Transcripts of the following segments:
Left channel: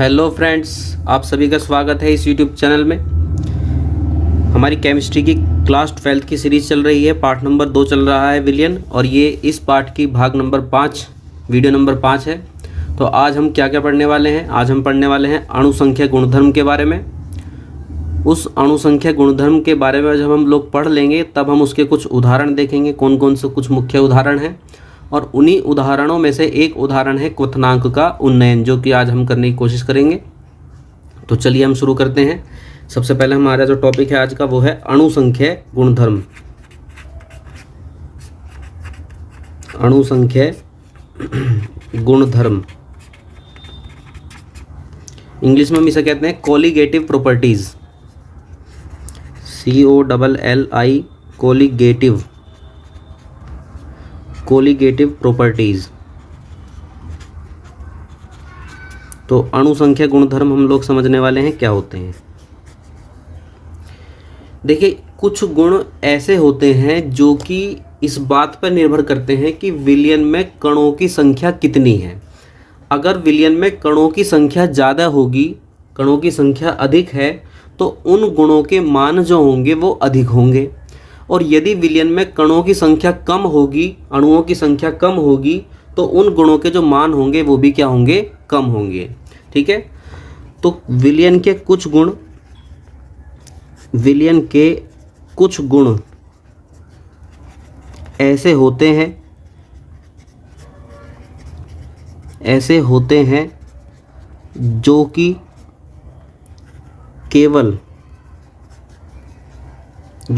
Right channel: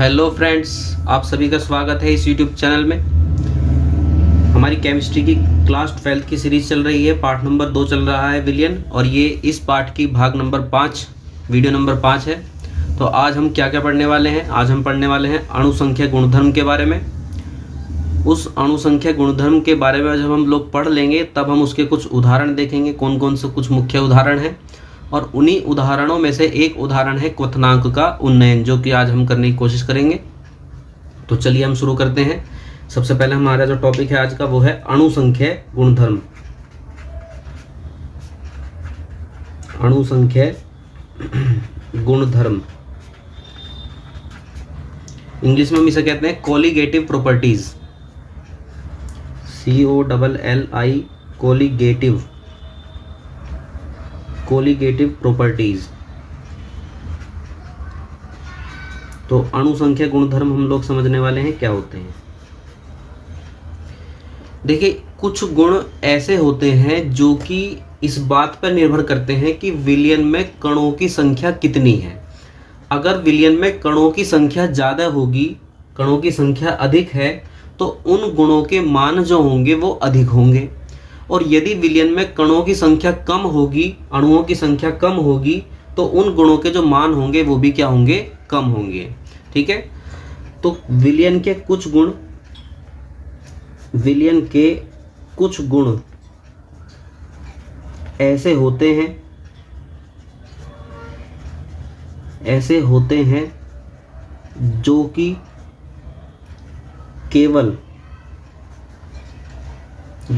Hello friends, आप सभी का स्वागत है इस यूट्यूब चैनल में। हमारी केमिस्ट्री की क्लास 12th की सीरीज़ चल रही है। पार्ट नंबर 2 चल रहा है विलियन, और ये इस पार्ट की भाग नंबर 5 वीडियो नंबर 5 है। तो आज हम क्या क्या पढ़ने वाले हैं? आज हम पढ़ने वाले हैं अणुसंख्या गुणधर्म के बारे में। उस अणुसंख्या गुणधर्म के बारे में जब हम लोग पढ़ लेंगे तब हम उसके कुछ उदाहरण देखेंगे, कौन कौन से कुछ मुख्य उदाहरण हैं। और उन्हीं उदाहरणों में से एक उदाहरण है क्वथनांक का उन्नयन, जो कि आज हम करने की कोशिश करेंगे। तो चलिए हम शुरू करते हैं। सबसे पहले हमारा जो टॉपिक है आज का वो है अणुसंख्या गुणधर्म। अणुसंख्या गुणधर्म, इंग्लिश में हम इसे कहते हैं colligative properties. COLLI colligative properties. तो अणुसंख्या गुणधर्म हम लोग समझने वाले हैं क्या होते हैं। देखिए, कुछ गुण ऐसे होते हैं जो कि इस बात पर निर्भर करते हैं कि विलयन में कणों की संख्या कितनी है। अगर विलयन में कणों की संख्या ज़्यादा होगी, कणों की संख्या अधिक है, तो उन गुणों के मान जो होंगे वो अधिक होंगे। और यदि विलयन में कणों की संख्या कम होगी, अणुओं की संख्या कम होगी, तो उन गुणों के जो मान होंगे वो भी क्या होंगे? कम होंगे। ठीक है। तो विलयन के कुछ गुण ऐसे होते हैं जो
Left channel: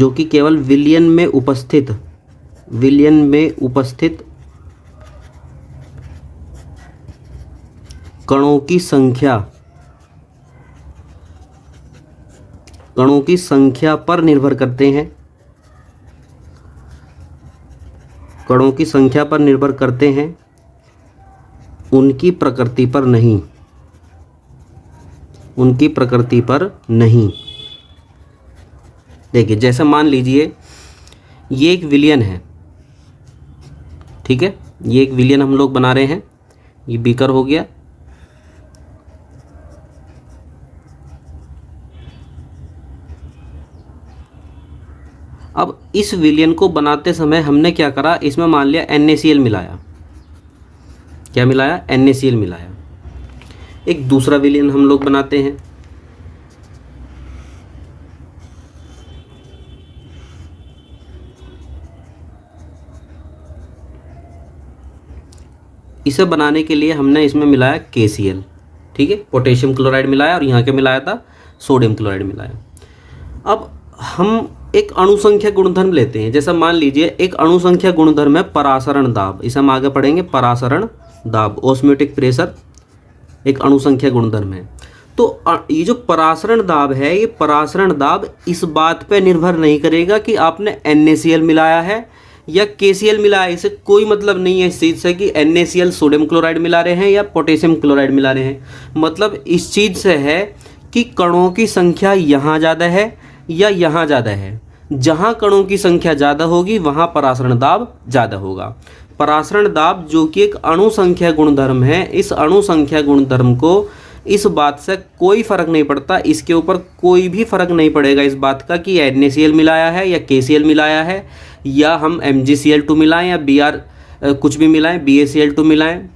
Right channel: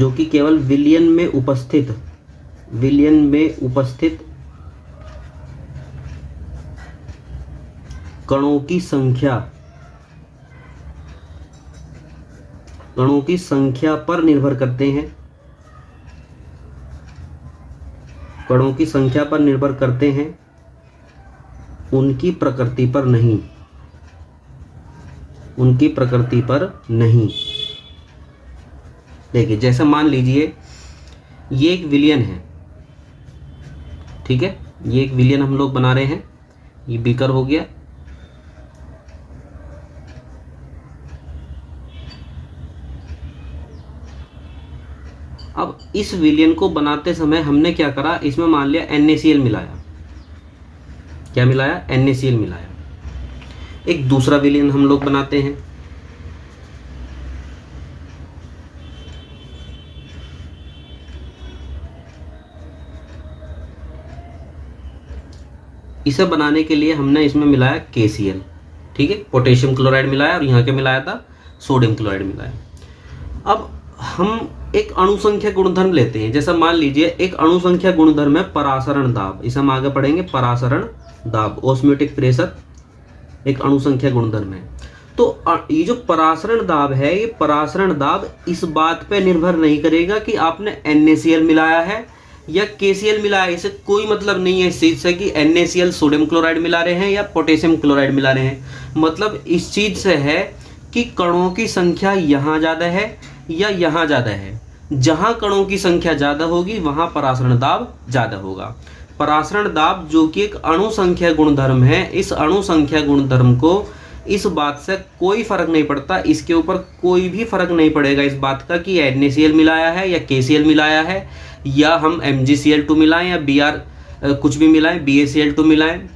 कि केवल विलयन में उपस्थित कणों की संख्या पर निर्भर करते हैं। कणों की संख्या पर निर्भर करते हैं, उनकी प्रकृति पर नहीं। देखिए, जैसे मान लीजिए ये एक विलयन है। ठीक है, ये एक विलयन हम लोग बना रहे हैं। ये बीकर हो गया। अब इस विलयन को बनाते समय हमने क्या करा? इसमें मान लिया NaCl मिलाया। क्या मिलाया? NaCl मिलाया। एक दूसरा विलयन हम लोग बनाते हैं। इसे बनाने के लिए हमने इसमें मिलाया KCl। ठीक है, पोटेशियम क्लोराइड मिलाया, और यहाँ के मिलाया था सोडियम क्लोराइड मिलाया। अब हम एक अणुसंख्या गुणधर्म लेते हैं। जैसा मान लीजिए एक अणुसंख्या गुणधर्म है परासरण दाब। इसे हम आगे पढ़ेंगे। परासरण दाब, ऑस्मोटिक प्रेशर, एक अणुसंख्या गुणधर्म है। तो ये जो परासरण दाब है, ये परासरण दाब इस बात पे निर्भर नहीं करेगा कि आपने NaCl मिलाया है या KCl मिलाया है। इसे कोई मतलब नहीं है इस चीज़ से कि NaCl सोडियम क्लोराइड मिला रहे हैं या पोटेशियम क्लोराइड मिला रहे हैं। मतलब इस चीज़ से है कि कणों की संख्या यहाँ ज़्यादा है या यहाँ ज़्यादा है। जहाँ कणों की संख्या ज़्यादा होगी वहाँ परासरण दाब ज़्यादा होगा। परासरण दाब जो कि एक अणुसंख्या गुणधर्म है, इस अणुसंख्या गुणधर्म को इस बात से कोई फर्क नहीं पड़ता, इसके ऊपर कोई भी फर्क नहीं पड़ेगा इस बात का कि NaCl मिलाया है या KCl मिलाया है, या हम MgCl2 मिलाएं या Br कुछ भी मिलाएं, BaCl2 मिलाएं,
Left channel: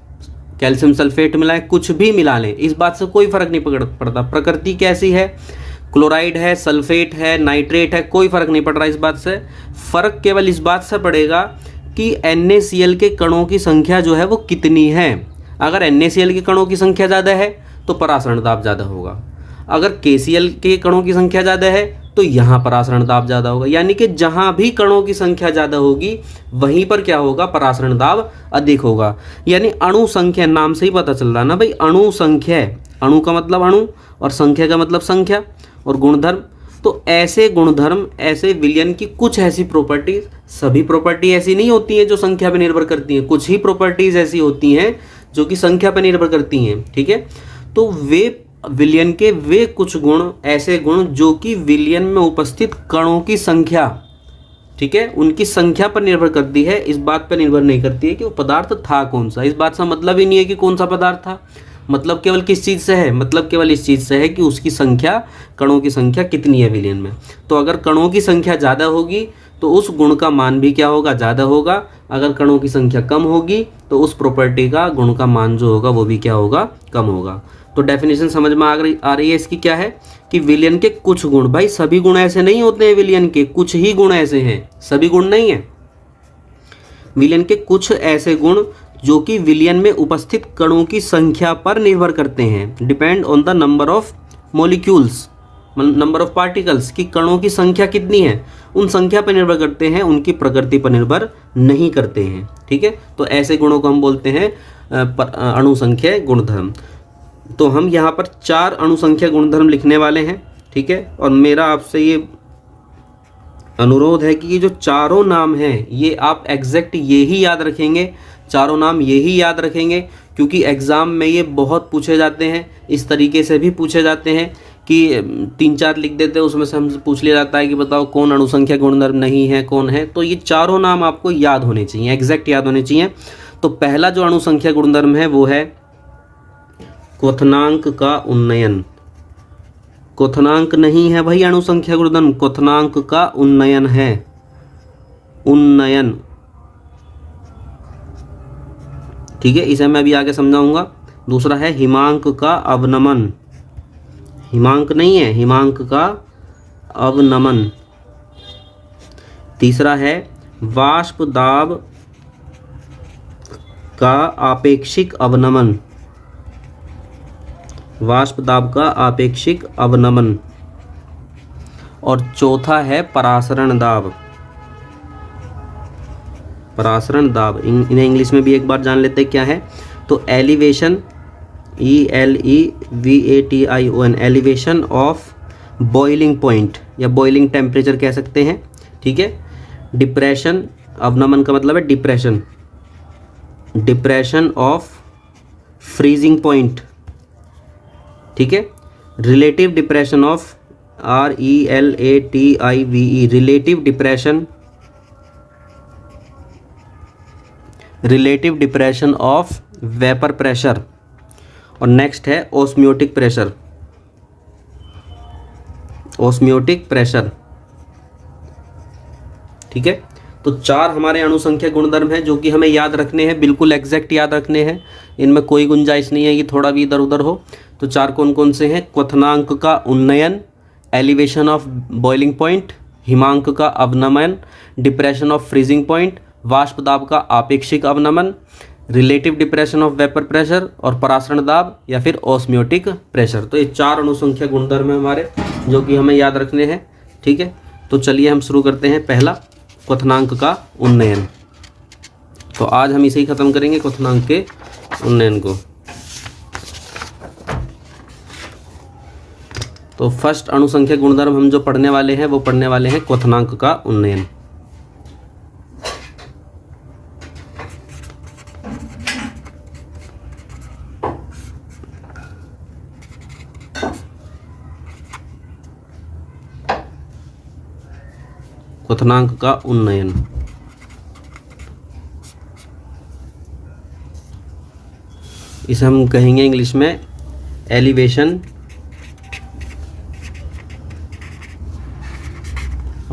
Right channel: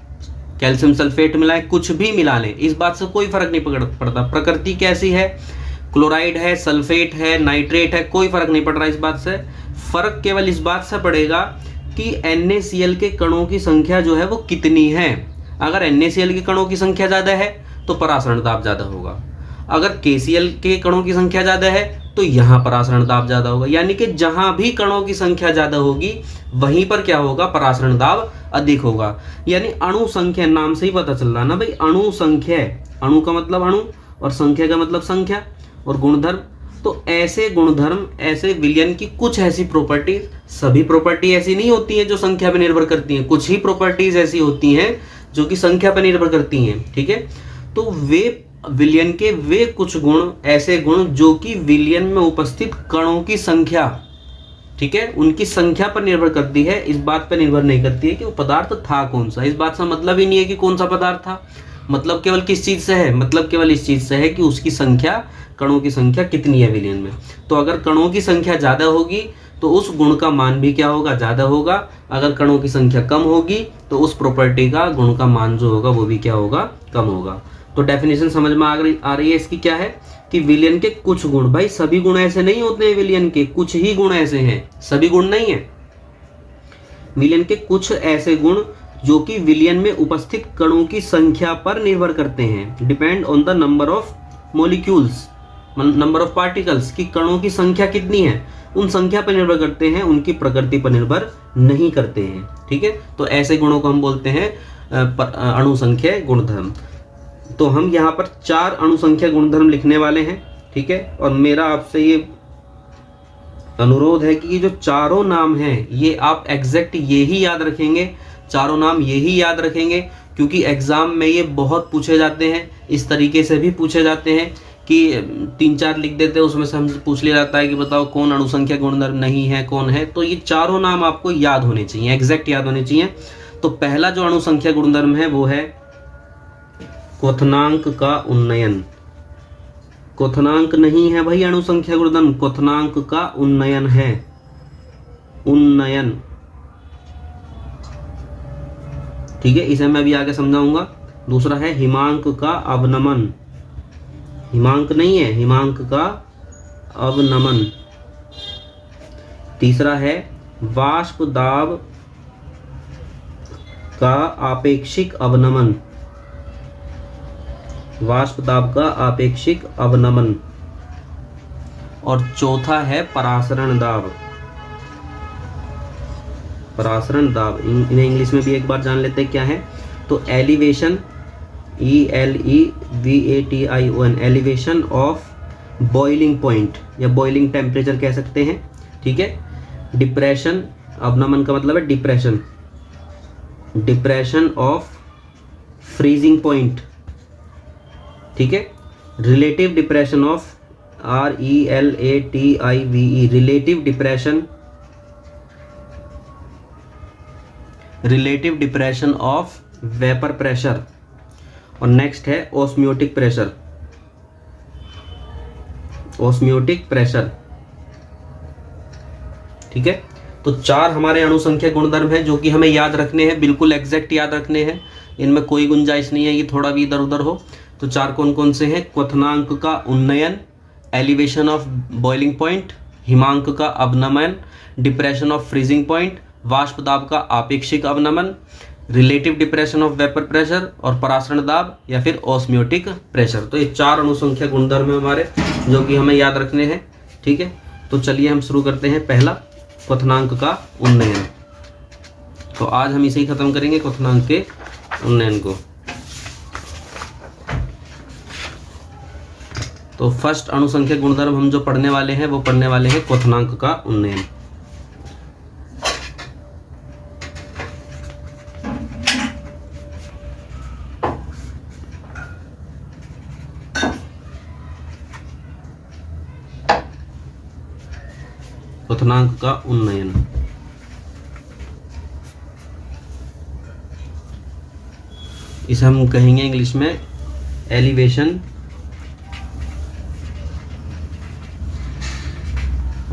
कैल्शियम सल्फेट मिलाएं, कुछ भी मिला लें, इस बात से कोई फर्क नहीं पड़ता। प्रकृति कैसी है, क्लोराइड है, सल्फेट है, नाइट्रेट है, कोई फर्क नहीं पड़ रहा इस बात से। फर्क केवल इस बात से पड़ेगा कि NaCl के कणों की संख्या जो है वो कितनी है। अगर NaCl के कणों की संख्या ज़्यादा है तो परासरण दाब ज़्यादा होगा। अगर KCl के कणों की संख्या ज़्यादा है तो यहाँ परासरण दाब ज़्यादा होगा। यानी कि जहाँ भी कणों की संख्या ज़्यादा होगी वहीं पर क्या होगा? परासरण दाब अधिक होगा। यानी अणु संख्या, नाम से ही पता चल रहा है ना भाई, अणु संख्या। अणु का मतलब अणु और संख्या का मतलब संख्या और गुणधर्म। तो ऐसे गुणधर्म, ऐसे विलयन की कुछ ऐसी प्रॉपर्टी, सभी प्रॉपर्टी ऐसी नहीं होती हैं जो संख्या पर निर्भर करती हैं, कुछ ही प्रॉपर्टीज ऐसी होती हैं जो कि संख्या पर निर्भर करती हैं। ठीक है, तो वे विलयन के वे कुछ गुण, ऐसे गुण जो कि विलयन में उपस्थित कणों की संख्या, ठीक है, उनकी संख्या पर निर्भर करती है, इस बात पर निर्भर नहीं करती है कि वो पदार्थ था कौन सा। इस बात का मतलब ही नहीं है कि कौन सा पदार्थ था, मतलब केवल किस चीज़ से है, मतलब केवल इस चीज़ से है कि उसकी संख्या, कणों की संख्या कितनी है विलियन में। तो अगर कणों की संख्या ज़्यादा होगी तो उस गुण का मान भी क्या होगा, ज़्यादा होगा। अगर कणों की संख्या कम होगी तो उस प्रॉपर्टी का गुण का मान जो होगा वो भी क्या होगा, कम होगा। तो डेफिनेशन समझ में आ रही है इसकी, क्या है कि विलियन के कुछ गुण, भाई सभी गुण ऐसे नहीं होते हैं विलियन के, कुछ ही गुण ऐसे हैं, सभी गुण नहीं है। विलियन के कुछ ऐसे गुण जो कि विलियन में उपस्थित कणों की संख्या पर निर्भर करते हैं, depend on the number of molecules, number of particles, कि कणों की संख्या कितनी है उन संख्या पर निर्भर करते हैं, उनकी प्रकृति पर निर्भर नहीं करते हैं। ठीक है, तो ऐसे गुणों को हम बोलते हैं अणुसंख्यक गुणधर्म। तो हम यहाँ पर 4 अणुसंख्यक गुणधर्म लिखने वाले हैं। ठीक है, और मेरा आपसे ये अनुरोध है कि ये जो चारों नाम हैं ये आप एग्जैक्ट ये ही याद रखेंगे, चारों नाम ये ही याद रखेंगे, क्योंकि एग्जाम में ये बहुत पूछे जाते हैं, इस तरीके से भी पूछे जाते हैं कि 3-4 लिख देते हैं, उसमें से हमसे पूछ लिया जाता है कि बताओ कौन अणुसंख्यक गुणधर्म नहीं है, कौन है। तो ये चारों नाम आपको याद होने चाहिए, एग्जैक्ट याद होने चाहिए। तो पहला जो अणुसंख्यक गुणधर्म है वो है क्वथनांक का उन्नयन। क्वथनांक नहीं है भाई अणुसंख्यक गुणधर्म, क्वथनांक का उन्नयन है, उन्नयन। ठीक है, इसे मैं अभी आगे समझाऊंगा। दूसरा है हिमांक का अवनमन, हिमांक नहीं है, हिमांक का अवनमन। तीसरा है वाष्प दाब का आपेक्षिक अवनमन, वाष्प दाब का आपेक्षिक अवनमन। और चौथा है परासरण दाब, परासरण दाब। इन्हें इंग्लिश में भी एक बार जान लेते हैं क्या है। तो elevation, ELEVATION, elevation of boiling point या बॉइलिंग टेम्परेचर कह सकते हैं। ठीक है, डिप्रेशन, अवनमन का मतलब है depression, depression of freezing point. ठीक है, relative depression of RELATIVE, relative depression, relative depression of vapour pressure. और नेक्स्ट है ऑस्मियोटिक प्रेशर, ऑस्मियोटिक प्रेशर। ठीक है, तो 4 हमारे अणुसंख्यक गुणधर्म हैं जो कि हमें याद रखने हैं, बिल्कुल एग्जैक्ट याद रखने हैं, इनमें कोई गुंजाइश नहीं है कि थोड़ा भी इधर उधर हो। तो 4 कौन कौन से हैं? क्वथनांक का उन्नयन, एलिवेशन ऑफ बॉइलिंग पॉइंट, हिमांक का अवनमन, डिप्रेशन ऑफ फ्रीजिंग पॉइंट, वाष्प दाब का आपेक्षिक अवनमन, relative depression of vapour pressure और परासरण दाब या फिर ऑस्मियोटिक प्रेशर। तो ये 4 अणुसंख्यक गुणधर्म है हमारे जो कि हमें याद रखने हैं। ठीक है, तो चलिए हम शुरू करते हैं। पहला, क्वथनांक का उन्नयन। तो आज हम इसे ही खत्म करेंगे, क्वथनांक के उन्नयन को। तो फर्स्ट अणुसंख्यक गुणधर्म हम जो पढ़ने वाले हैं वो पढ़ने वाले हैं क्वथनांक का उन्नयन। क्वथनांक का उन्नयन, इसे हम कहेंगे इंग्लिश में एलिवेशन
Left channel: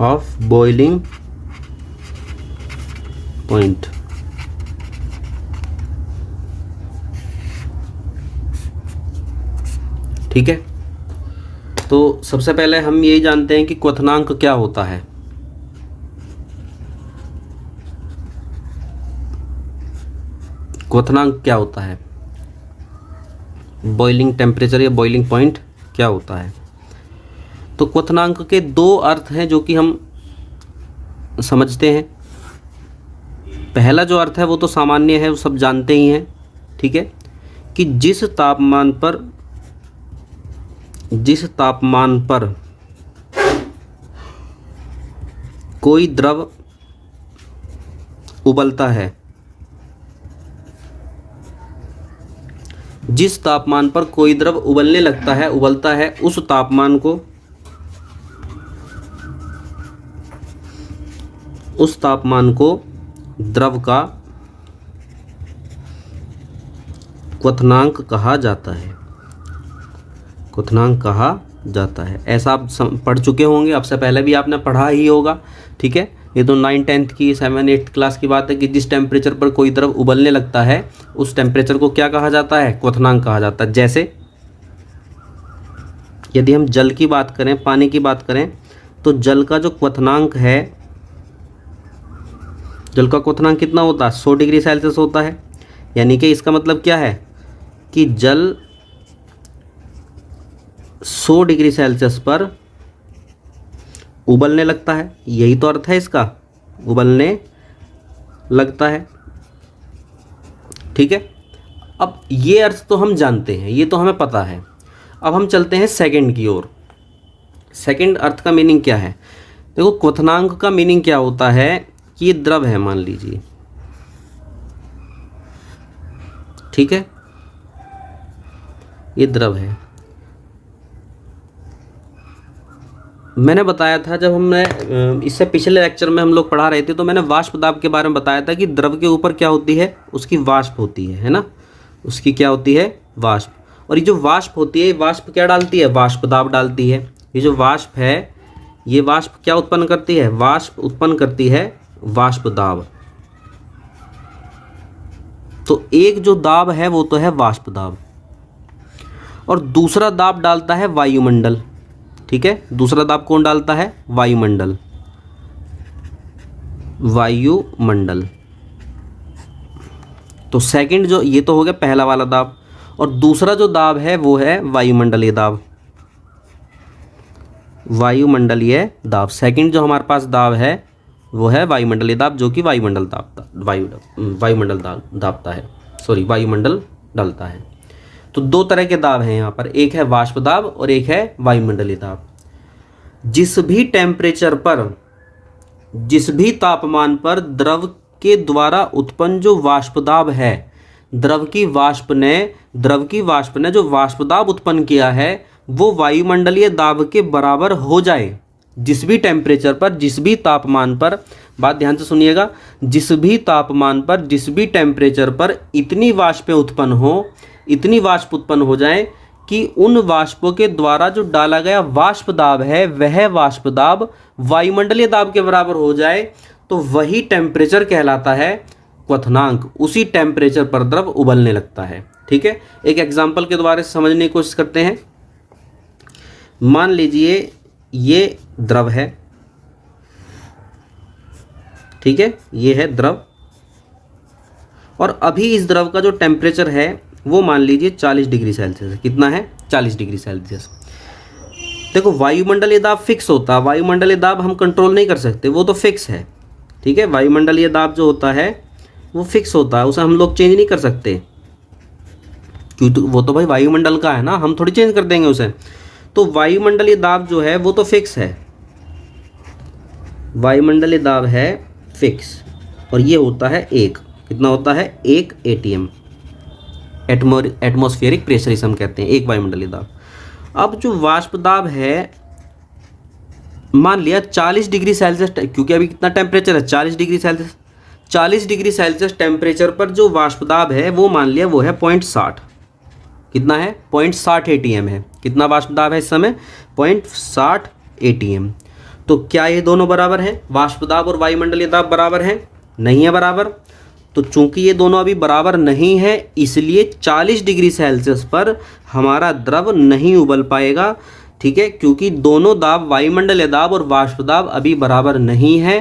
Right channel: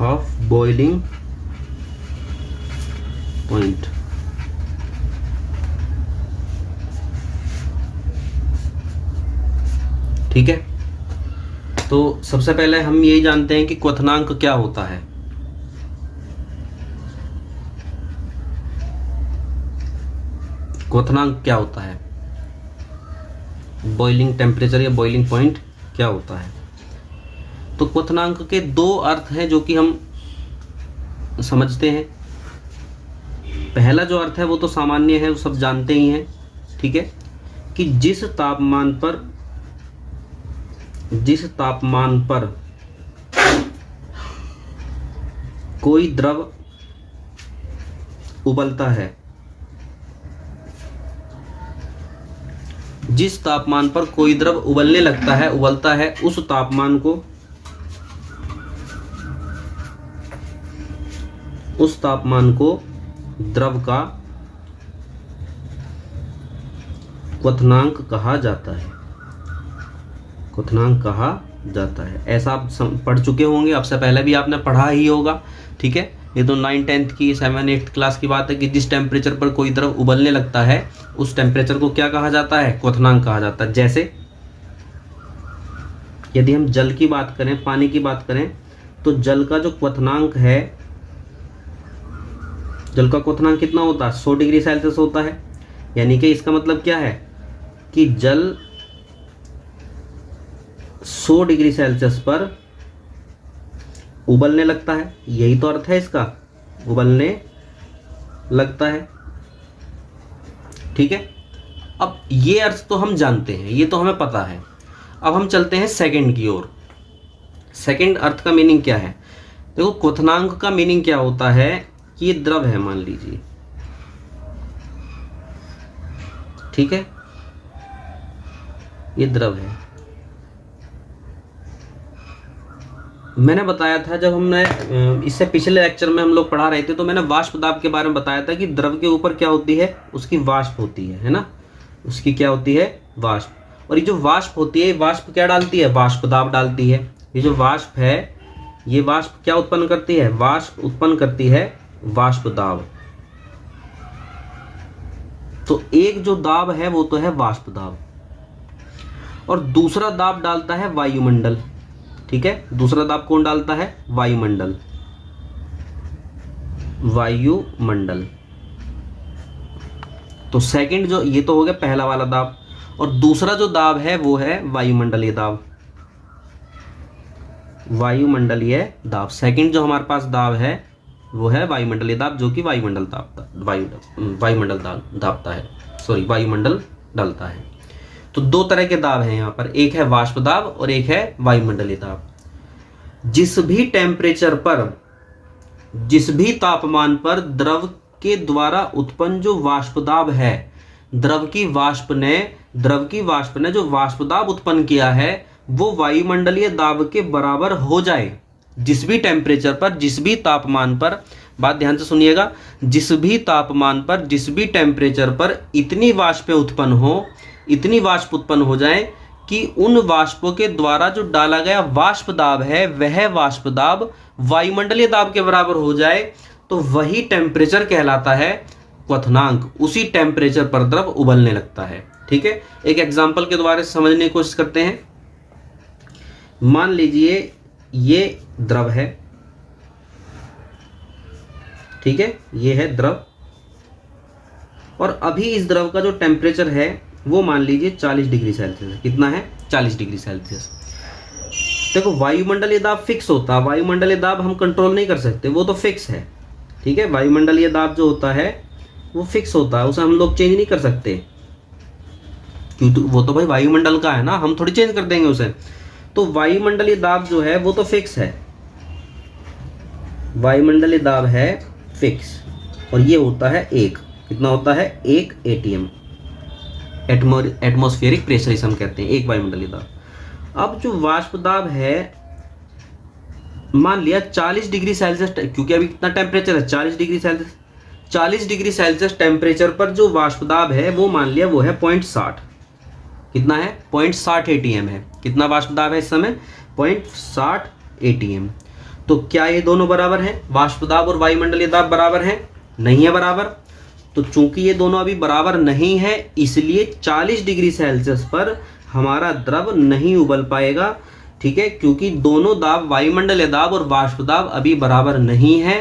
ऑफ बॉइलिंग पॉइंट। ठीक है, तो सबसे पहले हम यही जानते हैं कि क्वथनांक क्या होता है। क्वथनांक क्या होता है, बॉइलिंग टेम्परेचर या बॉइलिंग पॉइंट क्या होता है। तो क्वथनांक के 2 अर्थ हैं जो कि हम समझते हैं। पहला जो अर्थ है वो तो सामान्य है, वो सब जानते ही हैं। ठीक है, कि जिस तापमान पर कोई द्रव उबलता है, जिस तापमान पर कोई द्रव उबलने लगता है, उबलता है, उस तापमान द्रव का क्वथनांक कहा जाता है, क्वथनांक कहा जाता है। ऐसा आप पढ़ चुके होंगे, आपसे पहले भी आपने पढ़ा ही होगा, ठीक है। ये तो 9, 10th की 7, 8th क्लास की बात है कि जिस टेम्परेचर पर कोई द्रव उबलने लगता है उस टेम्परेचर को क्या कहा जाता है, क्वथनांक कहा जाता है। जैसे यदि हम जल की बात करें, पानी की बात करें, तो जल का जो क्वथनांक है, जल का क्वथनांक कितना होता है, 100 डिग्री सेल्सियस होता है। यानी कि इसका मतलब क्या है कि जल 100 डिग्री सेल्सियस पर उबलने लगता है, यही तो अर्थ है इसका, उबलने लगता है, ठीक है। अब ये अर्थ तो हम जानते हैं, ये तो हमें पता है। अब हम चलते हैं सेकंड की ओर। सेकंड अर्थ का मीनिंग क्या है? देखो, क्वथनांक का मीनिंग क्या होता है कि ये द्रव है, मान लीजिए, ठीक है, ये द्रव है। मैंने बताया था जब हमने इससे पिछले लेक्चर में हम लोग पढ़ा रहे थे, तो मैंने वाष्प दाब के बारे में बताया था कि द्रव के ऊपर क्या होती है, उसकी वाष्प होती है ना, उसकी क्या होती है, वाष्प। और ये जो वाष्प होती है, वाष्प क्या डालती है, वाष्प दाब डालती है। ये जो वाष्प है, ये वाष्प क्या उत्पन्न करती है, वाष्प उत्पन्न करती है वाष्प दाब। तो एक जो दाब है वो तो है वाष्प दाब, और दूसरा दाब डालता है वायुमंडल, ठीक है। दूसरा दाब कौन डालता है, वायुमंडल, वायुमंडल। तो सेकंड जो, ये तो हो गया पहला वाला दाब, और दूसरा जो दाब है वो है वायुमंडलीय दाब, वायुमंडलीय दाब। सेकंड जो हमारे पास दाब है वो है वायुमंडलीय दाब, जो कि वायुमंडल वायुमंडल दाबता है, सॉरी, वायुमंडल डालता है। तो दो तरह के दाब हैं यहाँ पर, एक है वाष्प दाब और एक है वायुमंडलीय दाब। जिस भी टेम्परेचर पर, जिस भी तापमान पर द्रव के द्वारा उत्पन्न जो वाष्प दाब है, द्रव की वाष्प ने जो वाष्प दाब उत्पन्न किया है वो वायुमंडलीय दाब के बराबर हो जाए। जिस भी टेम्परेचर पर, जिस भी तापमान पर, बात ध्यान से सुनिएगा, जिस भी तापमान पर, जिस भी टेम्परेचर पर इतनी वाष्पें उत्पन्न हो, इतनी वाष्प उत्पन्न हो जाए कि उन वाष्पों के द्वारा जो डाला गया वाष्प दाब है वह वाष्प दाब वायुमंडलीय दाब के बराबर हो जाए, तो वही टेम्परेचर कहलाता है क्वथनांक। उसी टेम्परेचर पर द्रव उबलने लगता है, ठीक है। एक एग्जाम्पल के द्वारा समझने की कोशिश करते हैं। मान लीजिए ये द्रव है, ठीक है, ये है द्रव, और अभी इस द्रव का जो टेम्परेचर है वो मान लीजिए 40 डिग्री सेल्सियस है। कितना है, 40 डिग्री सेल्सियस। देखो, वायुमंडलीय दाब फिक्स होता है, वायुमंडलीय दाब हम कंट्रोल नहीं कर सकते, वो तो फिक्स है, ठीक है। वायुमंडलीय दाब जो होता है वो फिक्स होता है, उसे हम लोग चेंज नहीं कर सकते, क्योंकि वो तो भाई वायुमंडल का है ना, हम थोड़ी चेंज कर देंगे उसे। तो वायुमंडलीय दाब जो है वो तो फिक्स है, वायुमंडलीय दाब है फिक्स, और ये होता है एक, कितना होता है, 1 ATM, एटमॉस्फेरिक प्रेशर इसे हम कहते हैं, एक वायुमंडलीय दाब। अब जो वाष्प दाब है, मान लिया 40 डिग्री सेल्सियस, क्योंकि अभी कितना टेम्परेचर है, 40 degree Celsius, 40 degree Celsius temperature पर जो वाष्प दाब है वो मान लिया वो है 0.60, कितना है, 0.60 ATM है। कितना वाष्प दाब है इस समय, 0.60 ATM। तो क्या ये दोनों बराबर हैं, वाष्प दाब और वायुमंडलीय दाब बराबर हैं, नहीं है बराबर। तो चूंकि ये दोनों अभी बराबर नहीं है, इसलिए 40 डिग्री सेल्सियस पर हमारा द्रव नहीं उबल पाएगा, ठीक है, क्योंकि दोनों दाब, वायुमंडलीय दाब और वाष्प दाब अभी बराबर नहीं है।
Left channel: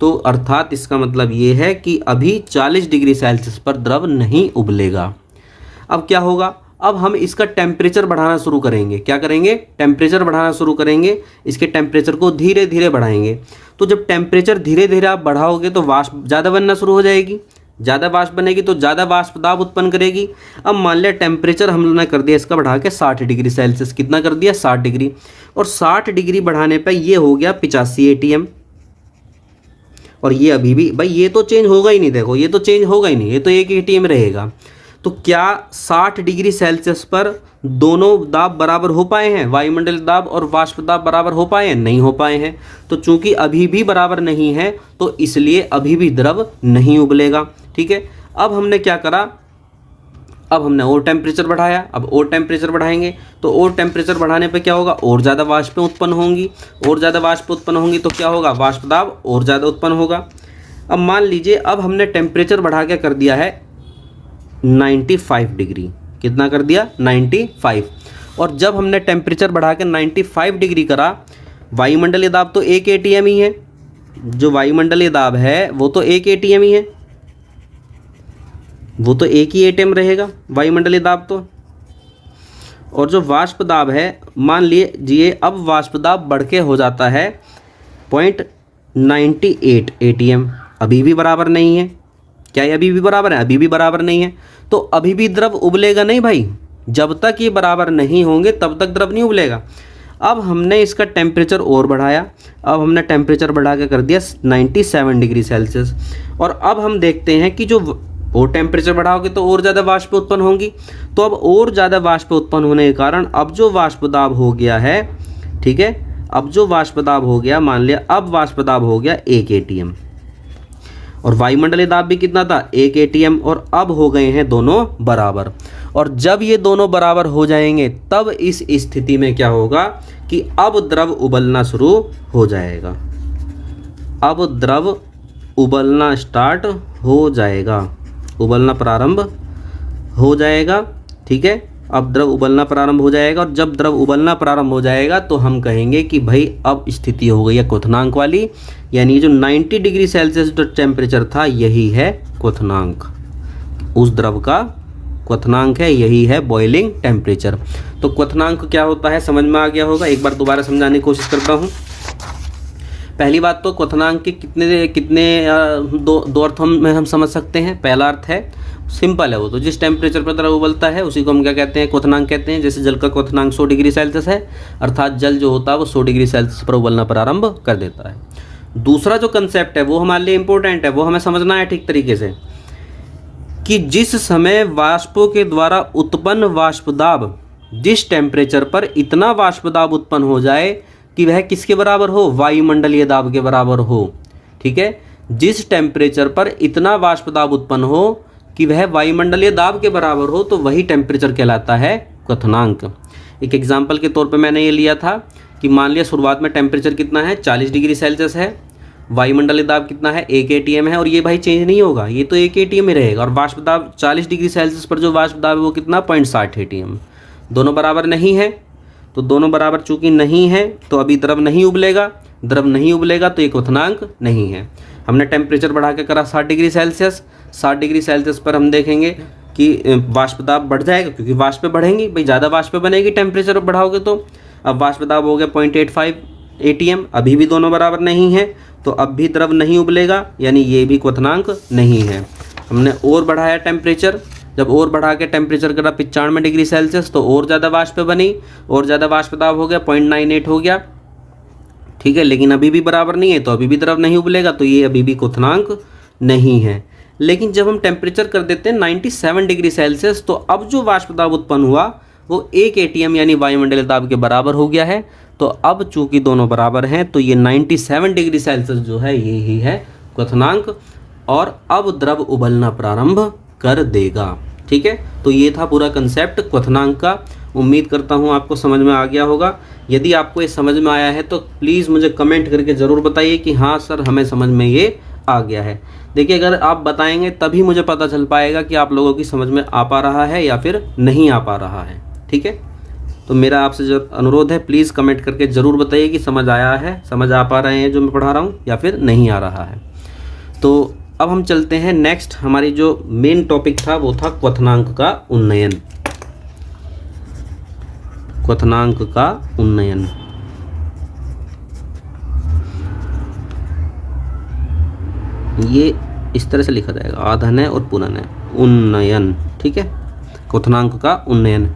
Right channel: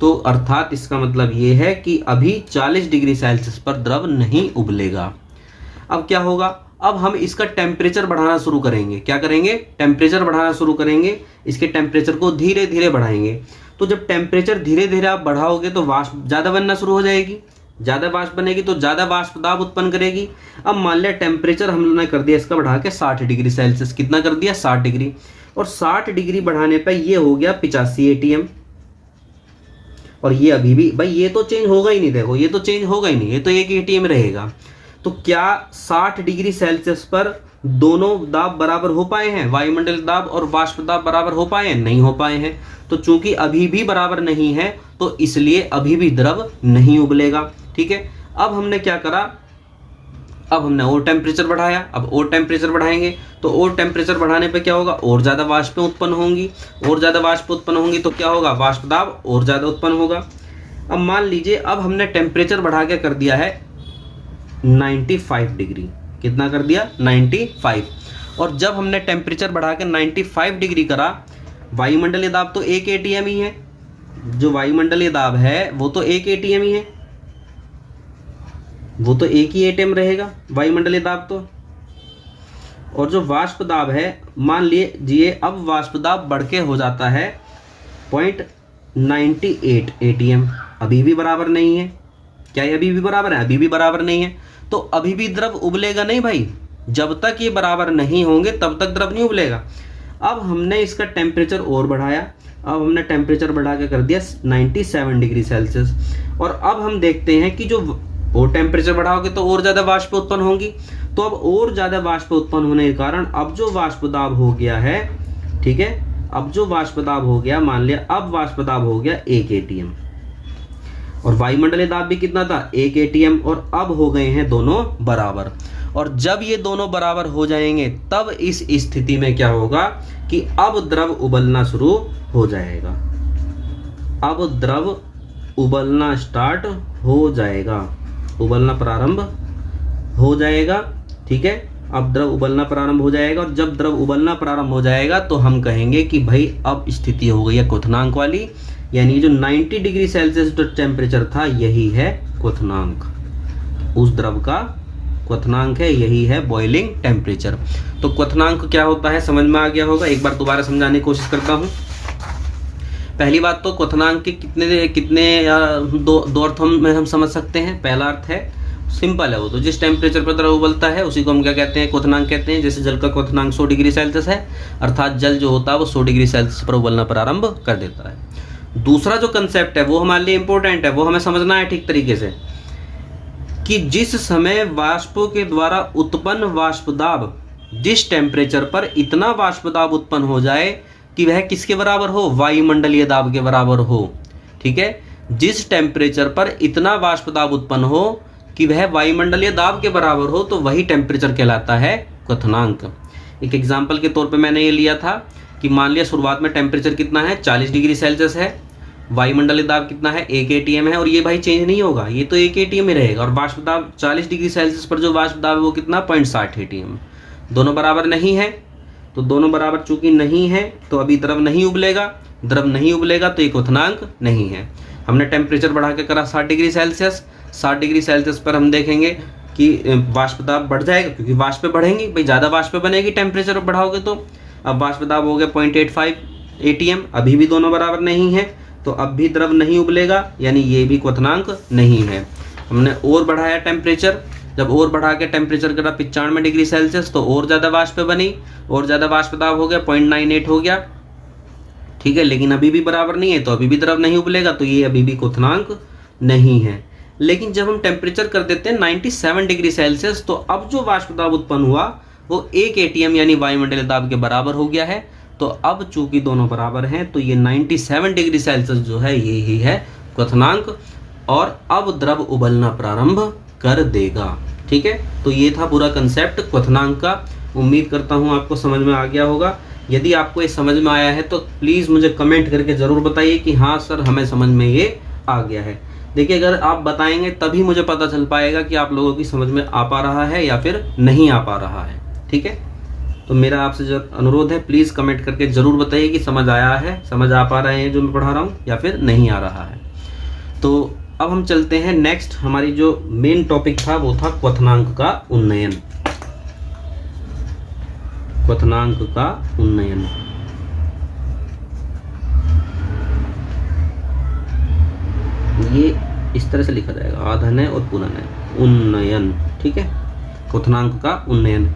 तो अर्थात इसका मतलब ये है कि अभी 40 डिग्री सेल्सियस पर द्रव नहीं उबलेगा। अब क्या होगा, अब हम इसका टेम्परेचर बढ़ाना शुरू करेंगे। क्या करेंगे, टेम्परेचर बढ़ाना शुरू करेंगे, इसके टेम्परेचर को धीरे धीरे बढ़ाएंगे। तो जब टेम्परेचर धीरे धीरे आप बढ़ाओगे तो वाष्प ज़्यादा बनना शुरू हो जाएगी, ज़्यादा वाष्प बनेगी तो ज़्यादा वाष्प दाब उत्पन्न करेगी। अब मान लिया टेम्परेचर हम लोगों ने कर दिया इसका बढ़ा के 60 डिग्री सेल्सियस, कितना कर दिया, 60 डिग्री, और 60 डिग्री बढ़ाने पर ये हो गया 85 ATM। और ये अभी भी भाई ये तो चेंज होगा ही नहीं, देखो ये तो चेंज होगा ही नहीं, ये तो 1 ATM रहेगा। तो क्या 60 डिग्री सेल्सियस पर दोनों दाब बराबर हो पाए हैं, वायुमंडलीय दाब और वाष्प दाब बराबर हो पाए हैं, नहीं हो पाए हैं। तो चूंकि अभी भी बराबर नहीं है तो इसलिए अभी भी द्रव नहीं उबलेगा, ठीक है। अब हमने क्या करा, अब हमने और टेम्परेचर बढ़ाया, अब और टेम्परेचर बढ़ाएंगे तो और टेम्परेचर बढ़ाने पे क्या होगा, और ज़्यादा वाष्पें उत्पन्न होंगी, और ज़्यादा वाष्प उत्पन्न होंगी तो क्या होगा, वाष्प दाब और ज़्यादा उत्पन्न होगा। अब मान लीजिए अब हमने टेम्परेचर बढ़ा के कर दिया है 95 डिग्री, कितना कर दिया 95, और जब हमने टेम्परेचर बढ़ा के 95 डिग्री करा, वायुमंडलीय दाब तो 1 atm ही है, जो वायुमंडलीय दाब है वो तो 1 atm ही है, वो तो एक ही एटम रहेगा वायुमंडलीय दाब तो। और जो वाष्प दाब है, मान लीजिए अब वाष्प दाब बढ़ के हो जाता है 0.98 atm, अभी भी बराबर नहीं है। क्या ये अभी भी बराबर है, अभी भी बराबर नहीं है, तो अभी भी द्रव उबलेगा नहीं भाई, जब तक ये बराबर नहीं होंगे तब तक द्रव नहीं उबलेगा। अब हमने इसका टेम्परेचर और बढ़ाया, अब हमने टेम्परेचर बढ़ा के कर दिया 97 डिग्री सेल्सियस, और अब हम देखते हैं कि जो और टेम्परेचर बढ़ाओगे तो और ज़्यादा वाष्प उत्पन्न होंगी, तो अब और ज़्यादा वाष्प उत्पन्न होने के कारण अब जो वाष्प दाब हो गया है, ठीक है, अब जो वाष्प दाब हो गया, मान लिया अब वाष्प दाब हो गया 1 atm, और वायुमंडलीय दाब भी कितना था 1 atm, और अब हो गए हैं दोनों बराबर। और जब ये दोनों बराबर हो जाएंगे तब इस स्थिति में क्या होगा कि अब द्रव उबलना शुरू हो जाएगा, अब द्रव उबलना स्टार्ट हो जाएगा, उबलना प्रारंभ हो जाएगा, ठीक है। अब द्रव उबलना प्रारंभ हो जाएगा, और जब द्रव उबलना प्रारंभ हो जाएगा तो हम कहेंगे कि भाई अब स्थिति हो गई है क्वथनांक वाली, यानी जो 90 डिग्री सेल्सियस जो टेम्परेचर था यही है क्वथनांक, उस द्रव का क्वथनांक है, यही है बॉइलिंग टेम्परेचर। तो क्वथनांक क्या होता है समझ में आ गया होगा, एक बार दोबारा समझाने की कोशिश करता हूँ। पहली बात तो क्वथनांक के कितने दो अर्थों में हम समझ सकते हैं। पहला अर्थ है सिंपल है, वो तो जिस टेम्परेचर पर द्रव उबलता है उसी को हम क्या कहते हैं, क्वथनांक कहते हैं। जैसे जल का क्वथनांक 100 डिग्री सेल्सियस है, अर्थात जल जो होता है वो 100 डिग्री सेल्सियस पर उबलना प्रारंभ कर देता है। दूसरा जो कंसेप्ट है वो हमारे लिए इंपॉर्टेंट है, वो हमें समझना है ठीक तरीके से, कि जिस समय वाष्पों के द्वारा उत्पन्न वाष्प दाब, जिस टेम्परेचर पर इतना वाष्प दाब उत्पन्न हो जाए कि वह किसके बराबर हो, वायुमंडलीय दाब के बराबर हो, ठीक है। जिस टेम्परेचर पर इतना वाष्प दाब उत्पन्न हो कि वह वायुमंडलीय दाब के बराबर हो, तो वही टेम्परेचर कहलाता है क्वथनांक। एक एग्जांपल के तौर पे मैंने ये लिया था कि मान लिया शुरुआत में टेम्परेचर कितना है 40 डिग्री सेल्सियस है, वायुमंडलीय दाब कितना है 1 atm है, और ये भाई चेंज नहीं होगा, ये तो 1 atm ही रहेगा। और वाष्प दाब 40 डिग्री सेल्सियस पर जो वाष्प दाब है वो कितना 0.60 atm, दोनों बराबर नहीं है। तो दोनों बराबर चूंकि नहीं है तो अभी द्रव नहीं उबलेगा, द्रव नहीं उबलेगा तो ये क्वथनांक नहीं है। हमने टेम्परेचर बढ़ा के करा 60 डिग्री सेल्सियस, 60 डिग्री सेल्सियस पर हम देखेंगे कि वाष्प दाब बढ़ जाएगा, क्योंकि वाष्प बढ़ेंगी भाई, ज़्यादा वाष्प बनेगी टेम्परेचर बढ़ाओगे तो। अब वाष्प दाब हो गया 0.85 atm, अभी भी दोनों बराबर नहीं है, तो अब भी द्रव नहीं उबलेगा, यानी ये भी क्वथनांक नहीं है। हमने और बढ़ाया टेम्परेचर, जब और बढ़ा के टेम्परेचर करा 95 डिग्री सेल्सियस तो और ज़्यादा वाष्प बनी, और ज़्यादा वाष्प दाब हो गया 0.98 हो गया, ठीक है, लेकिन अभी भी बराबर नहीं है, तो अभी भी द्रव नहीं उबलेगा, तो ये अभी भी क्वथनांक नहीं है। लेकिन जब हम टेम्परेचर कर देते हैं 97 डिग्री सेल्सियस, तो अब जो वाष्प दाब उत्पन्न हुआ वो 1 atm यानी वायुमंडलीय दाब के बराबर हो गया है। तो अब चूंकि दोनों बराबर हैं तो ये 97 डिग्री सेल्सियस जो है ये ही है क्वथनांक, और अब द्रव उबलना प्रारंभ कर देगा, ठीक है। तो ये था पूरा कंसेप्ट क्वथनांक का। उम्मीद करता हूँ आपको समझ में आ गया होगा। यदि आपको ये समझ में आया है तो प्लीज़ मुझे कमेंट करके ज़रूर बताइए कि हाँ सर हमें समझ में ये आ गया है। देखिए अगर आप बताएंगे तभी मुझे पता चल पाएगा कि आप लोगों की समझ में आ पा रहा है या फिर नहीं आ पा रहा है, ठीक है। तो मेरा आपसे जो अनुरोध है प्लीज़ कमेंट करके ज़रूर बताइए कि समझ आया है, समझ आ पा रहे हैं जो मैं पढ़ा रहा हूँ या फिर नहीं आ रहा है। तो अब हम चलते हैं नेक्स्ट, हमारी जो मेन टॉपिक था वो था क्वथनांक का उन्नयन। क्वथनांक का उन्नयन, ये इस तरह से लिखा जाएगा, आधन है और पुनन है, उन्नयन, ठीक है। क्वथनांक का उन्नयन,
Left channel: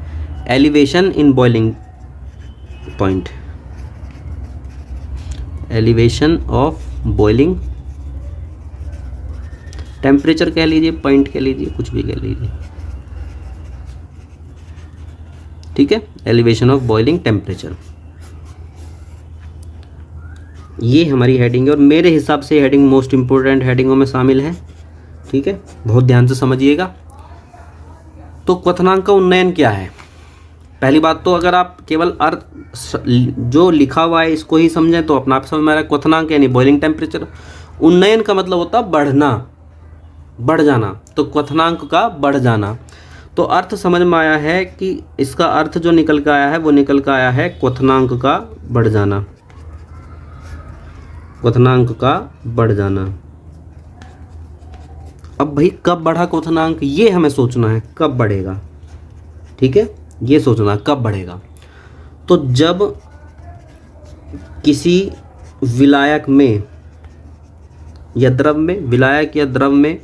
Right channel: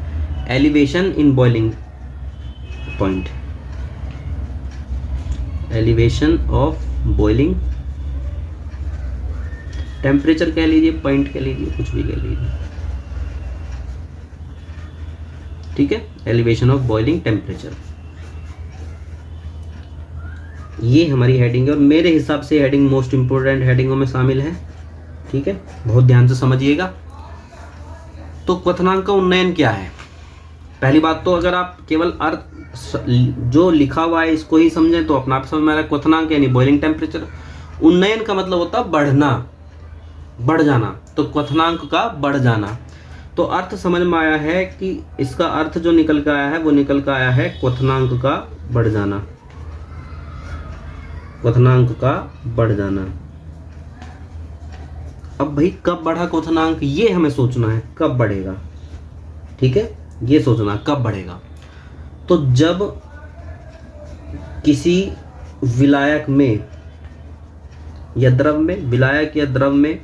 elevation in boiling point, elevation of boiling temperature कह लीजिए, पॉइंट कह लीजिए, कुछ भी कह लीजिए, ठीक है। एलिवेशन ऑफ बॉइलिंग टेम्परेचर, ये हमारी हेडिंग है, और मेरे हिसाब से हेडिंग मोस्ट इंपोर्टेंट हेडिंगों में शामिल है, ठीक है। बहुत ध्यान से समझिएगा। तो क्वथनांक का उन्नयन क्या है? पहली बात तो अगर आप केवल अर्थ जो लिखा हुआ है इसको ही समझें तो अपना आप समझ में आ रहा है। क्वथनांक यानी बॉइलिंग टेम्परेचर। उन्नयन का मतलब होता है बढ़ना, बढ़ जाना। तो क्वथनांक का बढ़ जाना। तो अर्थ समझ में आया है कि इसका अर्थ जो निकल कर आया है वो निकल कर आया है क्वथनांक का बढ़ जाना, क्वथनांक का बढ़ जाना। अब भाई कब बढ़ा क्वथनांक, ये हमें सोचना है, कब बढ़ेगा। ठीक है, ये सोचना है कब बढ़ेगा। तो जब किसी विलायक में या द्रव में, विलायक या द्रव में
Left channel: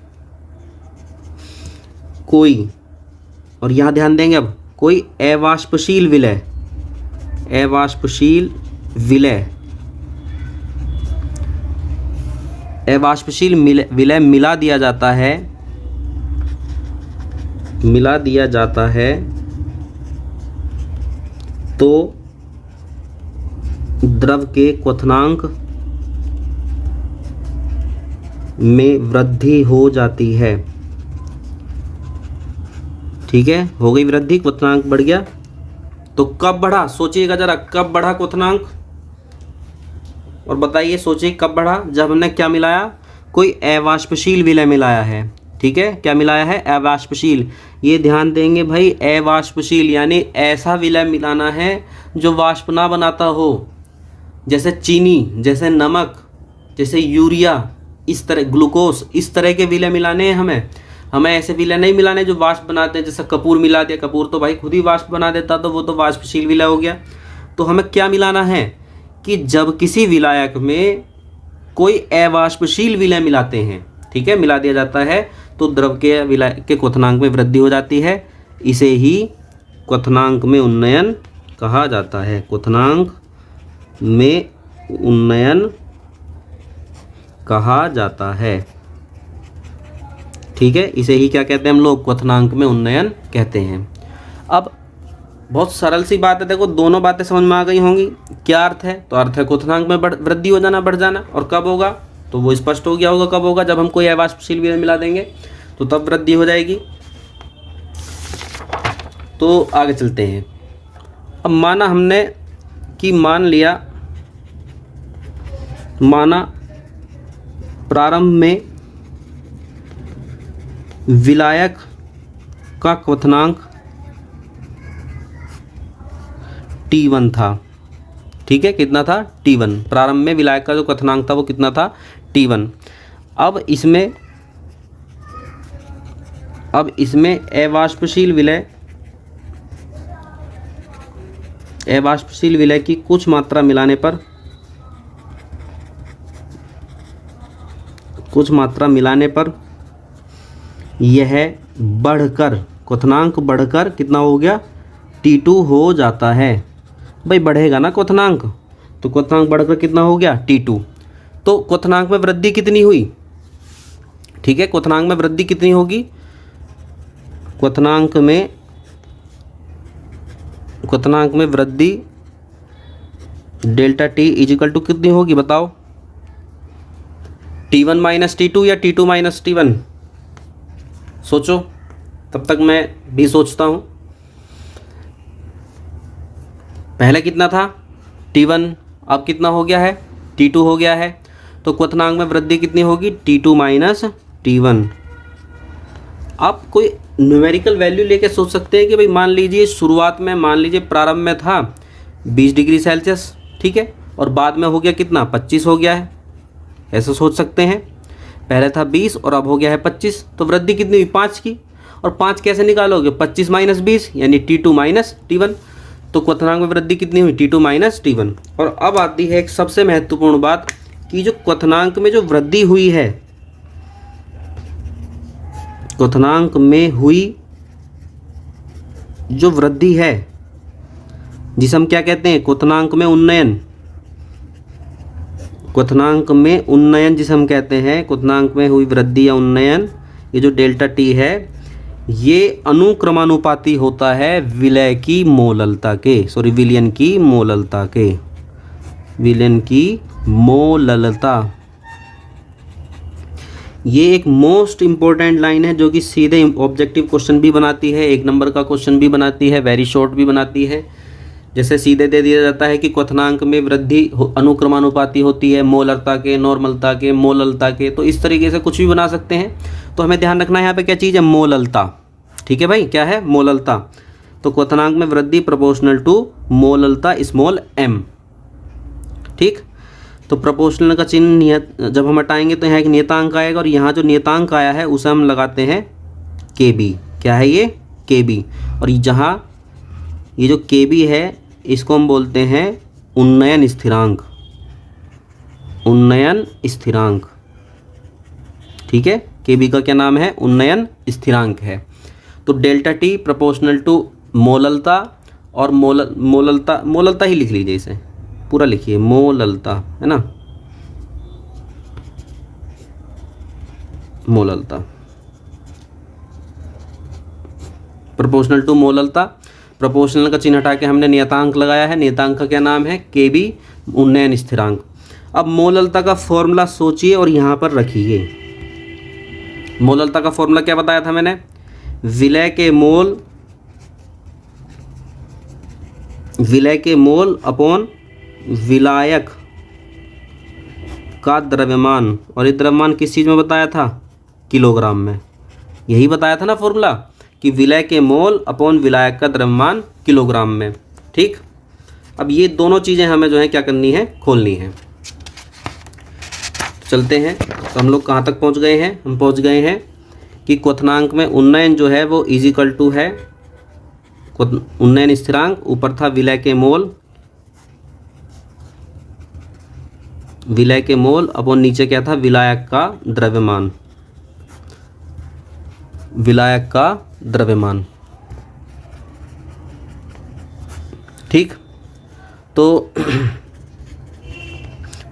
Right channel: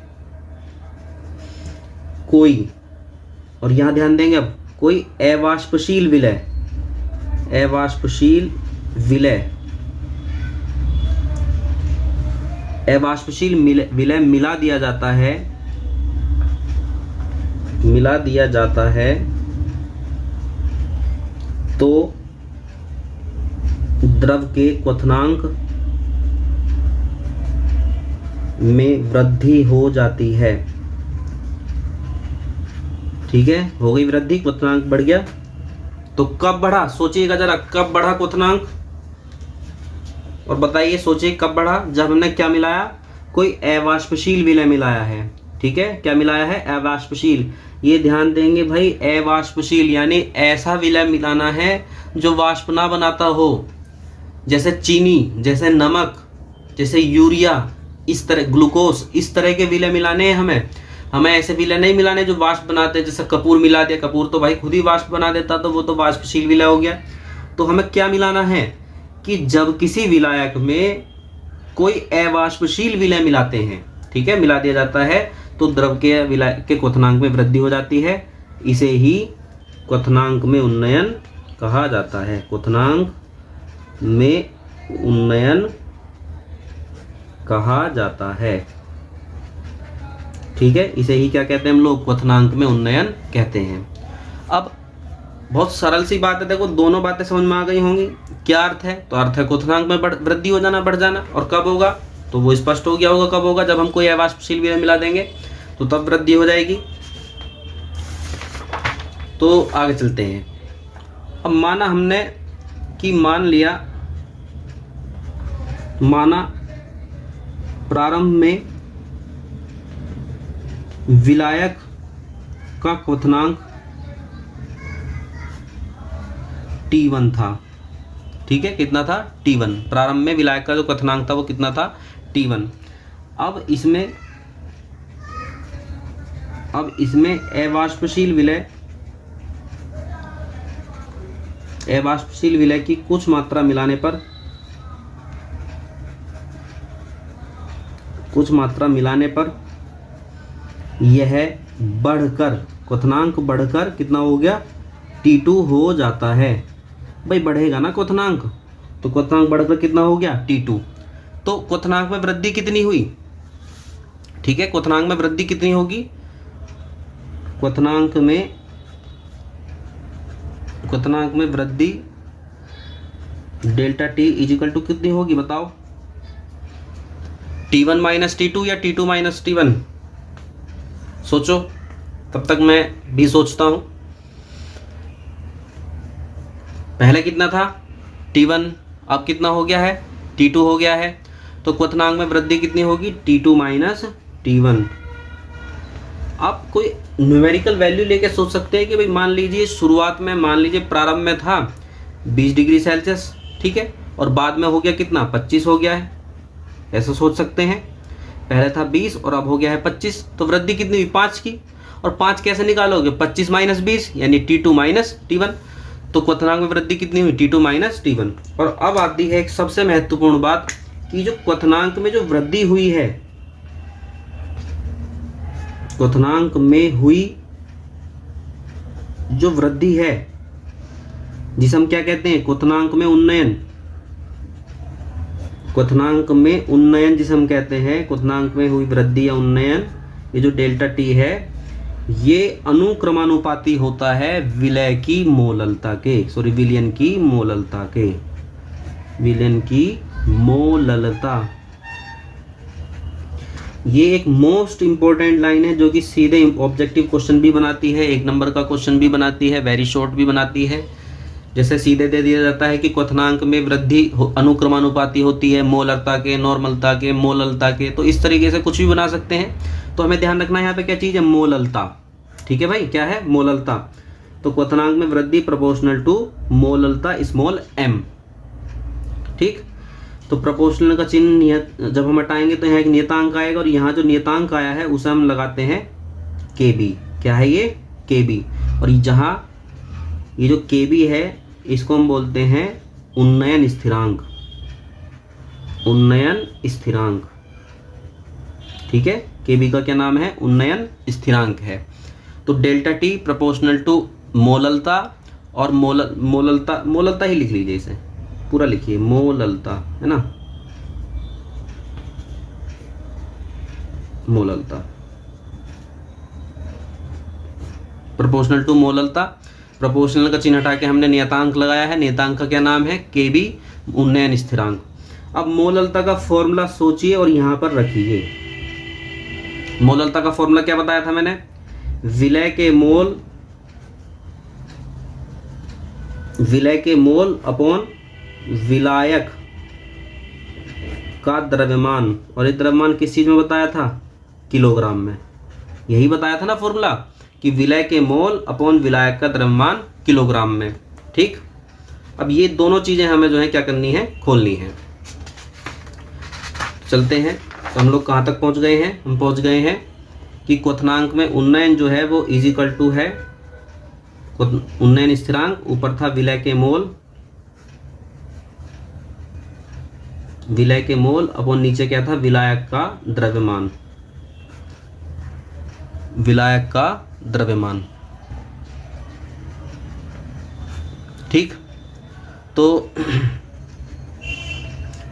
कोई, और यहां ध्यान देंगे अब, कोई अवाष्पशील विलय, अवाष्पशील विलय, अवाष्पशील विलय मिला दिया जाता है, मिला दिया जाता है, तो द्रव के क्वथनांक में वृद्धि हो जाती है। ठीक है, हो गई वृद्धि, क्वथनांक बढ़ गया। तो कब बढ़ा, सोचिएगा जरा, कब बढ़ा क्वथनांक, और बताइए, सोचिए कब बढ़ा। जब हमने क्या मिलाया, कोई अवाष्पशील विलय मिलाया है। ठीक है, क्या मिलाया है, अवाष्पशील। ये ध्यान देंगे भाई, अवाष्पशील यानी ऐसा विलय मिलाना है जो वाष्प ना बनाता हो, जैसे चीनी, जैसे नमक, जैसे यूरिया, इस तरह ग्लूकोज, इस तरह के विलय मिलाने हैं हमें ऐसे विलय नहीं मिलाने जो वाष्प बनाते हैं। जैसे कपूर मिला दिया, कपूर तो भाई खुद ही वाष्प बना देता, तो वो तो वाष्पशील विलय हो गया। तो हमें क्या मिलाना है कि जब किसी विलायक में कोई अवाष्पशील विलय मिलाते हैं, ठीक है, मिला दिया जाता है, तो द्रव के विलय के क्वथनांक में वृद्धि हो जाती है। इसे ही क्वथनांक में उन्नयन कहा जाता है, क्वथनांक में उन्नयन कहा जाता है। ठीक है, इसे ही क्या कहते हैं हम लोग, क्वथनांक में उन्नयन कहते हैं। अब बहुत सरल सी बात है, देखो दोनों बातें समझ में आ गई होंगी। क्या अर्थ है, तो अर्थ है क्वथनांक में वृद्धि हो जाना, बढ़ जाना। और कब होगा, तो वो स्पष्ट हो गया होगा कब होगा, जब हम कोई अवाष्पशील विलय मिला देंगे तो तब वृद्धि हो जाएगी। तो आगे चलते हैं। अब माना हमने कि माना प्रारंभ में विलायक का क्वथनांक T1 था। ठीक है, कितना था, T1। प्रारंभ में विलायक का जो क्वथनांक था वो कितना था, T1। अब इसमें अवाष्पशील विलय की कुछ मात्रा मिलाने पर यह बढ़कर, क्वथनांक बढ़कर कितना हो गया, T2 हो जाता है। भाई बढ़ेगा ना क्वथनांक, तो क्वथनांक बढ़कर कितना हो गया, T2। तो क्वथनांक में वृद्धि कितनी हुई, ठीक है, क्वथनांक में वृद्धि कितनी होगी, क्वथनांक में वृद्धि डेल्टा T इजिकल टू कितनी होगी, बताओ, T1 माइनस T2 या T2 माइनस T1। सोचो, तब तक मैं भी सोचता हूं। पहले कितना था, T1, अब कितना हो गया है, T2 हो गया है। तो क्वथनांक में वृद्धि कितनी होगी, T2 माइनस T1। आप कोई न्यूमेरिकल वैल्यू लेके सोच सकते हैं कि भाई मान लीजिए शुरुआत में, मान लीजिए प्रारंभ में था 20 डिग्री सेल्सियस, ठीक है, और बाद में हो गया कितना, 25 हो गया है, ऐसा सोच सकते हैं। पहले था 20 और अब हो गया है 25, तो वृद्धि कितनी हुई, 5 की। और 5 कैसे निकालोगे, 25 माइनस 20 यानी T2 माइनस T1। तो क्वथनांक में वृद्धि कितनी हुई, T2 माइनस T1। और अब आती है एक सबसे महत्वपूर्ण बात कि जो क्वथनांक में जो वृद्धि हुई है, क्वथनांक में हुई जो वृद्धि है, जिसे हम क्या कहते हैं, क्वथनांक में उन्नयन, क्वथनांक में उन्नयन जिसे हम कहते हैं, क्वथनांक में हुई वृद्धि या उन्नयन, ये जो डेल्टा T है, ये अनुक्रमानुपाती होता है विलय की मोललता के, विलयन की मोललता के, विलयन की मोललता। ये एक मोस्ट इम्पोर्टेंट लाइन है जो कि सीधे ऑब्जेक्टिव क्वेश्चन भी बनाती है, 1 नंबर का क्वेश्चन भी बनाती है, वेरी शॉर्ट भी बनाती है। जैसे सीधे दे दिया जाता है कि क्वथनांक में वृद्धि अनुक्रमानुपाती होती है मोलरता के, नॉर्मलता के, मोललता के, तो इस तरीके से कुछ भी बना सकते हैं। तो हमें ध्यान रखना है यहाँ पे क्या चीज़ है, मोललता। ठीक है भाई, क्या है, मोललता। तो क्वथनांक में वृद्धि प्रोपोर्शनल टू मोललता स्मॉल m। ठीक, तो प्रोपोर्शनल का चिन्ह जब हम हटाएंगे तो यहाँ एक नियतांक आएगा, और यहाँ जो नियतांक आया है उसे हम लगाते हैं kb। क्या है ये, kb। और जहाँ ये जो kb है इसको हम बोलते हैं उन्नयन स्थिरांक, उन्नयन स्थिरांक। ठीक है, kb का क्या नाम है, उन्नयन स्थिरांक है। तो डेल्टा टी प्रोपोर्शनल टू मोललता, और मोललता ही लिख लीजिए, इसे पूरा लिखिए, मोललता, है ना, मोललता प्रोपोर्शनल टू मोललता। प्रोपोर्शनल का चिन्ह हटा के हमने नियतांक लगाया है, नियतांक का क्या नाम है, kb, उन्नयन स्थिरांक। अब मोललता का फॉर्मूला सोचिए और यहाँ पर रखिए। मोललता का फॉर्मूला क्या बताया था मैंने, विलय के मोल अपॉन विलायक का द्रव्यमान, और ये द्रव्यमान किस चीज़ में बताया था, किलोग्राम में। यही बताया था ना फॉर्मूला कि विलय के मोल अपॉन विलायक का द्रव्यमान किलोग्राम में। ठीक, अब ये दोनों चीज़ें हमें जो है क्या करनी है, खोलनी है। चलते हैं, तो हम लोग कहाँ तक पहुँच गए हैं, हम पहुँच गए हैं कि क्वथनांक में उन्नयन जो है वो इजिकल टू है उन्नयन स्थिरांक, ऊपर था विलय के मोल अपॉन नीचे क्या था, विलायक का द्रव्यमान, विलायक का द्रव्यमान। ठीक, तो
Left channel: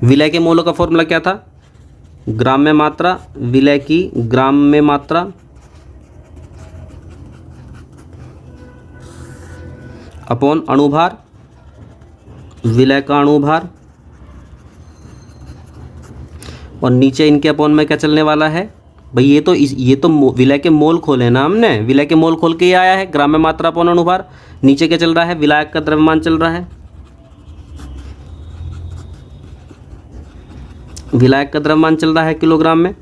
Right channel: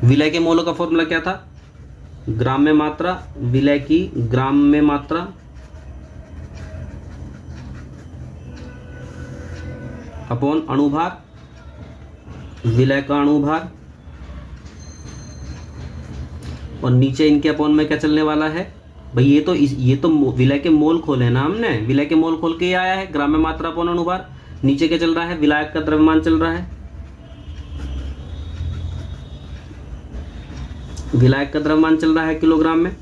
विलय के मोलों का फॉर्मूला क्या था, ग्राम में मात्रा, विलय की ग्राम में मात्रा अपॉन अणुभार, विलय का अणुभार, और नीचे इनके अपॉन में क्या चलने वाला है भाई, ये तो विलय के मोल खोले ना हमने, विलय के मोल खोल के ही आया है, ग्राम में मात्रा अपॉन अणुभार। नीचे क्या चल रहा है, विलायक का द्रव्यमान चल रहा है, विलायक का द्रव्यमान चल रहा है किलोग्राम में।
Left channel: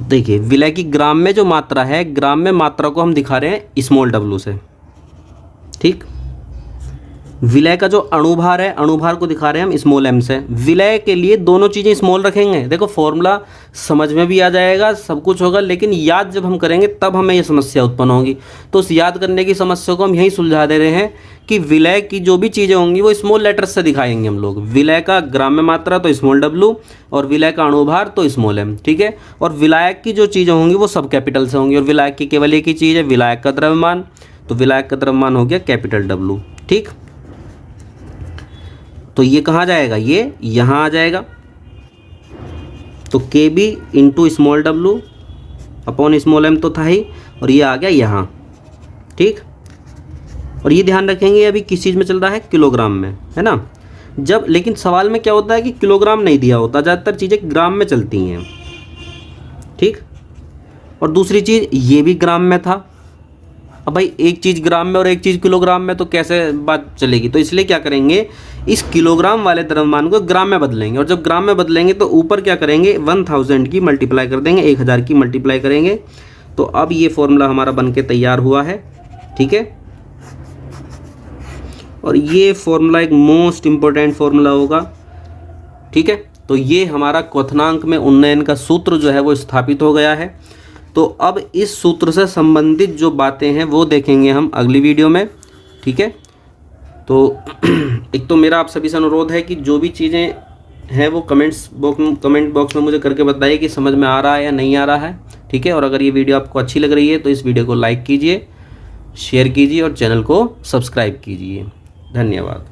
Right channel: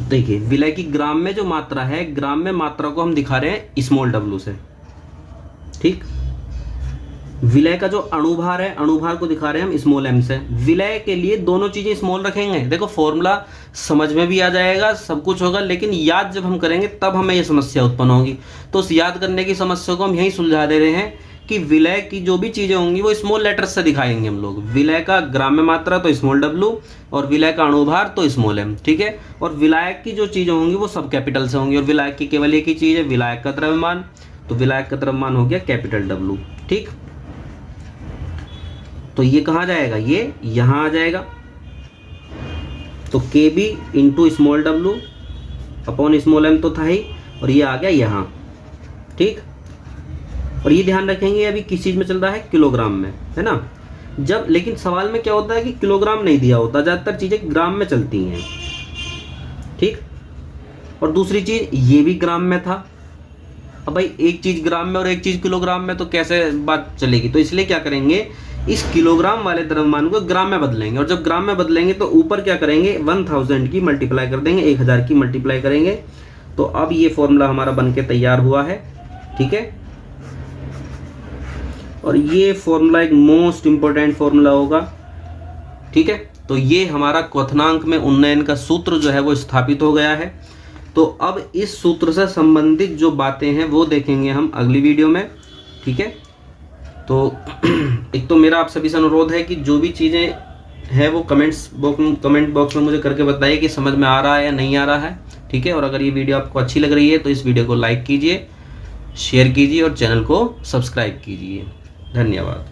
देखिए विलय की ग्राम में जो मात्रा है, ग्राम में मात्रा को हम दिखा रहे हैं स्मॉल w से। ठीक, विलय का जो अणुभार है, अणुभार को दिखा रहे हैं हम स्मॉल m से। विलय के लिए दोनों चीज़ें स्मॉल रखेंगे, देखो फॉर्मूला समझ में भी आ जाएगा, सब कुछ होगा, लेकिन याद जब हम करेंगे तब हमें ये समस्या उत्पन्न होगी। तो उस याद करने की समस्या को हम यही सुलझा दे रहे हैं कि विलय की जो भी चीज़ें होंगी वो स्मॉल लेटर्स से दिखाएंगे हम लोग। विलय का ग्राम में मात्रा तो स्मॉल w, और विलय का अणुभार तो स्मॉल m। ठीक है, और विलायक की जो चीज़ें होंगी वो सब कैपिटल से होंगी, और विलायक की केवल एक ही चीज़ है, विलायक का द्रव्यमान। तो विलायक का द्रव्यमान हो गया कैपिटल W। ठीक, तो ये कहाँ जाएगा, ये यहाँ आ जाएगा। तो kb into small w upon small m तो था ही, और ये आ गया यहाँ। ठीक, और ये ध्यान रखेंगे अभी किस चीज़ में चल रहा है, किलोग्राम में, है ना। जब लेकिन सवाल में क्या होता है कि किलोग्राम नहीं दिया होता, ज़्यादातर चीज़ें ग्राम में चलती हैं। ठीक, और दूसरी चीज़ ये भी ग्राम में था। अब भाई एक चीज़ ग्राम में और एक चीज़ किलोग्राम में, तो कैसे बात चलेगी। तो इसलिए क्या करेंगे, इस किलोग्राम वाले द्रव्यमान को ग्राम में बदलेंगे, और जब ग्राम में बदलेंगे तो ऊपर क्या करेंगे, 1000 की मल्टीप्लाई कर देंगे, 1000 की मल्टीप्लाई करेंगे। तो अब ये फॉर्मूला हमारा बन के तैयार हुआ है। ठीक है, और ये फॉर्मूला एक मोस्ट इम्पोर्टेंट फॉर्मूला होगा। ठीक है, तो ये हमारा क्वथनांक में उन्नयन का सूत्र जो है वो स्थापित हो गया है। तो अब इस सूत्र से संबंधित जो बातें हैं वो देखेंगे हम अगली वीडियो में। ठीक है, तो एक तो मेरा आप सभी से अनुरोध है कि जो भी चीज़ें हैं वो कमेंट बॉक्स में मुझे करके बताइए कि समझ में आ रहा है या नहीं आ रहा है। ठीक है, और अगर ये वीडियो आपको अच्छी लग रही है तो इस वीडियो को लाइक कीजिए, शेयर कीजिए और चैनल को सब्सक्राइब कीजिए। धन्यवाद।